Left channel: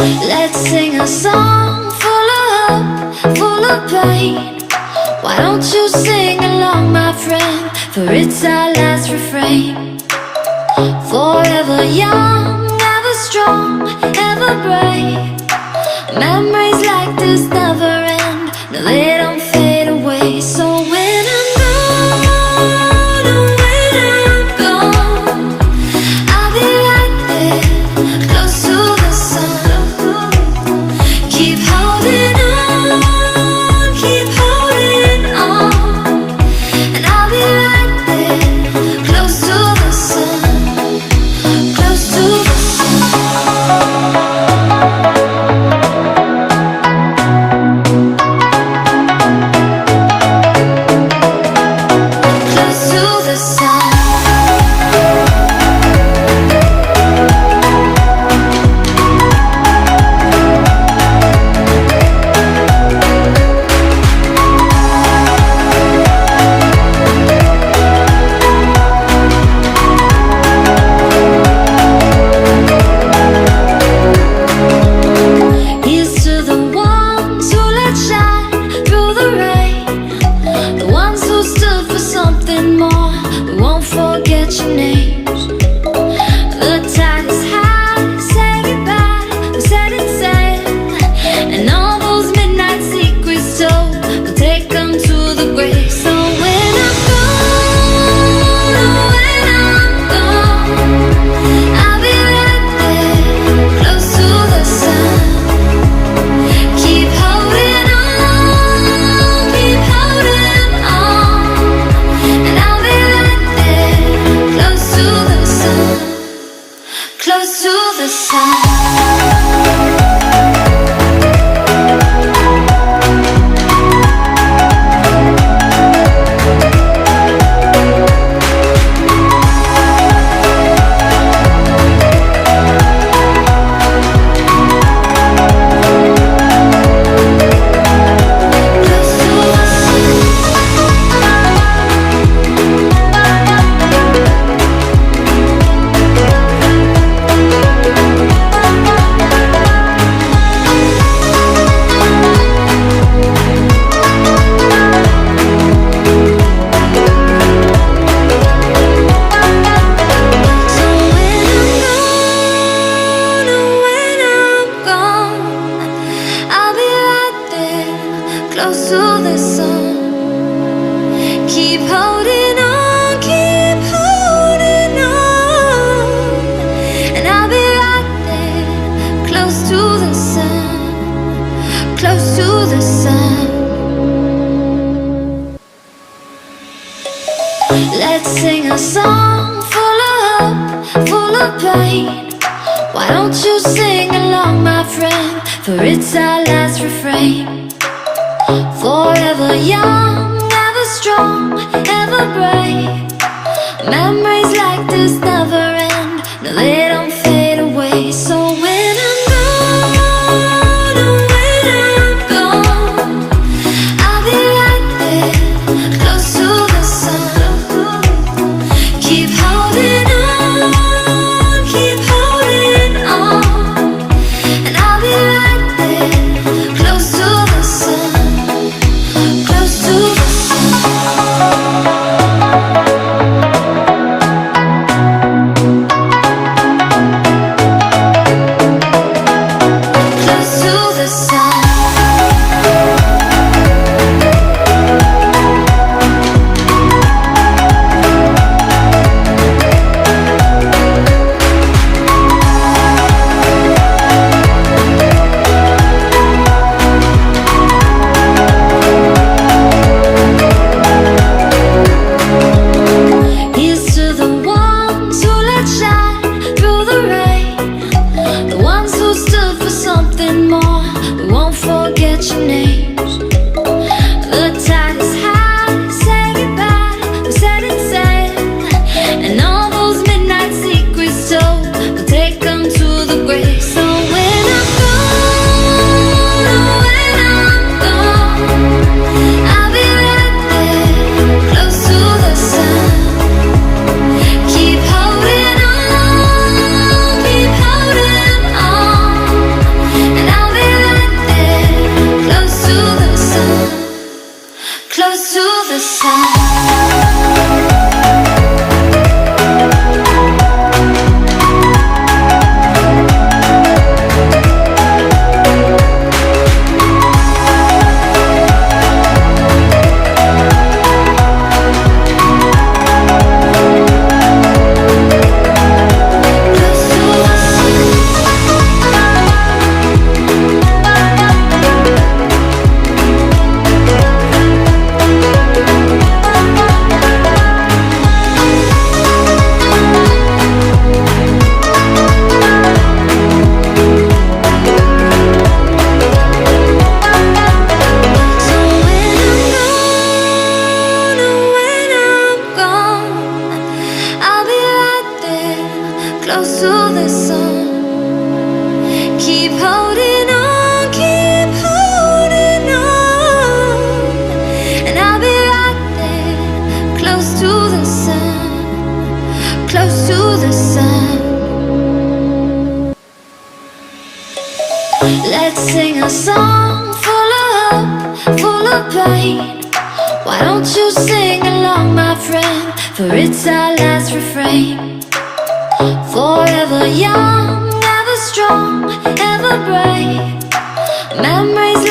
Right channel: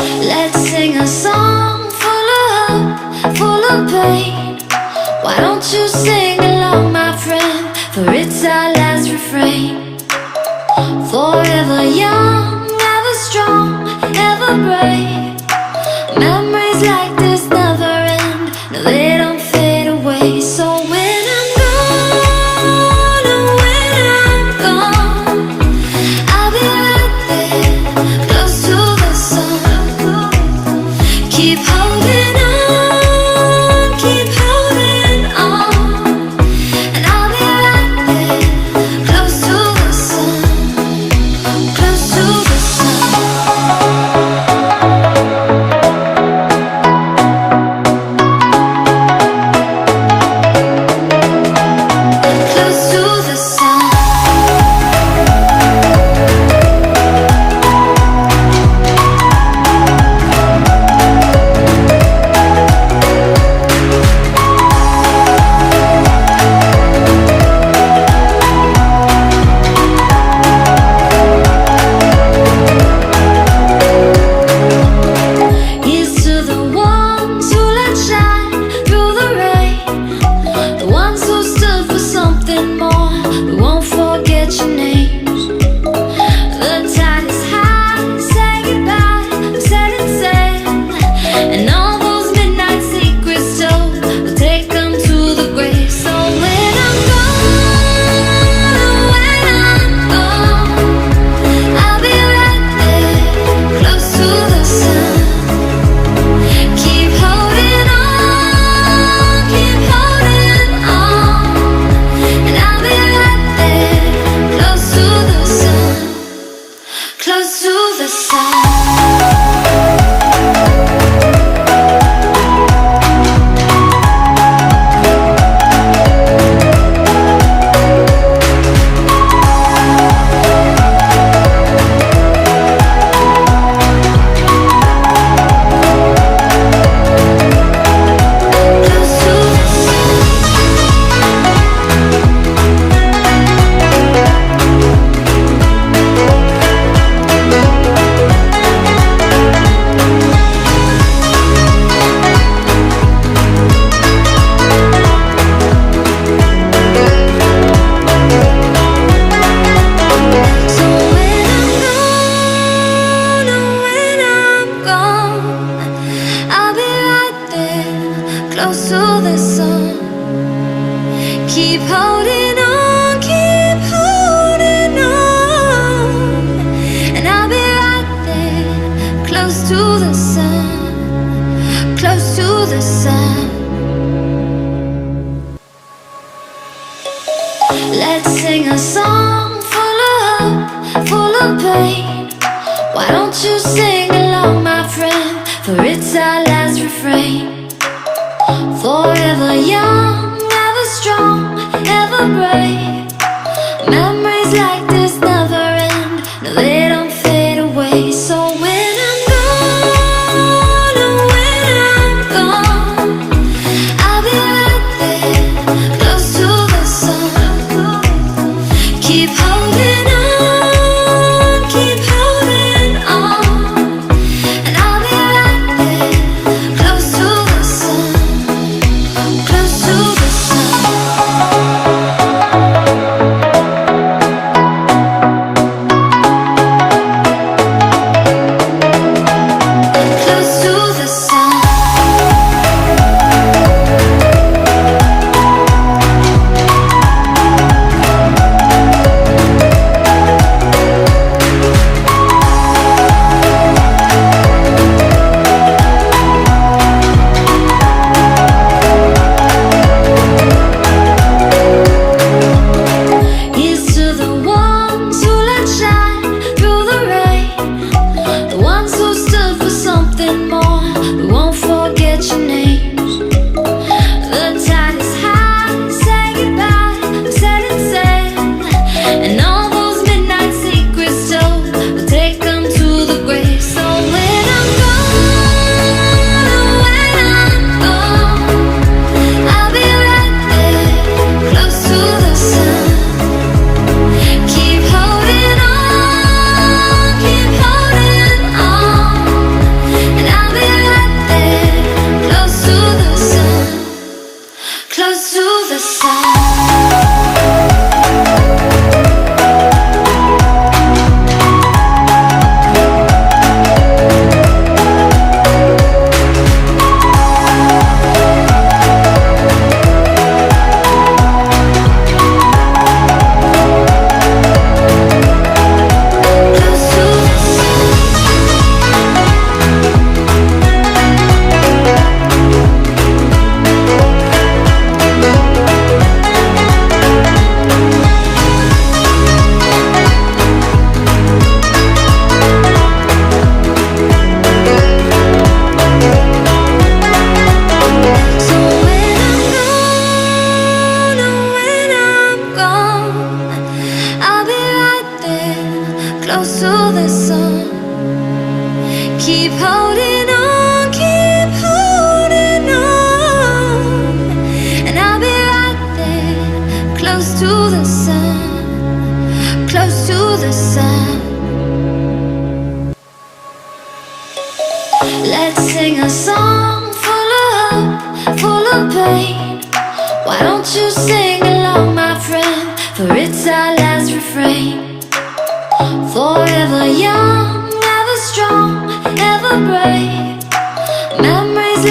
Let's sing a song full of hope, full of pain. Why don't you sing along, my friend? For it's our last refrain. Forever young, ever strong, ever brave. Memories like this never end. No, they don't fade away. So when I'm gone, oh, when I'm gone, I'll be right there, close to the sun. Keep holding on, keep holding on, and I'll be right there, close to the sun, close to the sun. Close to the sun. Here's to the ones who let shine through the rain, the ones who stood for something more. We won't forget your names. The tide is high, say goodbye, we're setting sail, and all those midnight secrets told, we'll take them to the grave. So when I'm gone, oh, when I'm gone, I'll be right there, close to the sun. Keep holding on, keep holding on, and I'll be right there, close to the sun, close to the sun. Close to the sun. Keep holding on, keep holding on, and I'll be right there, close to the sun, close to the sun. Let's sing a song full of hope, full of pain. Why don't you sing along, my friend? For it's our last refrain. Forever young, ever strong, ever brave. Memories like this never end. No, they don't fade away. So when I'm gone, oh, when I'm gone, I'll be right there, close to the sun. Keep holding on, keep holding on, and I'll be right there, close to the sun. Close to the sun. Close to the sun. Here's to the ones who let shine through the rain, the ones who stood for something more. We won't forget your names. The tide is high, say goodbye, we're setting sail, and all those midnight secrets told, we'll take them to the grave. So when I'm gone, oh, when I'm gone, I'll be right there, close to the sun. Keep holding on, keep holding on, the sun. Keep holding on, keep holding on, and I'll be right there, close to the sun, close to the sun. Let's sing a song full of hope, full of pain. Why don't you sing along, my friend, for it's our last refrain. Forever young, ever strong, ever brave. Memories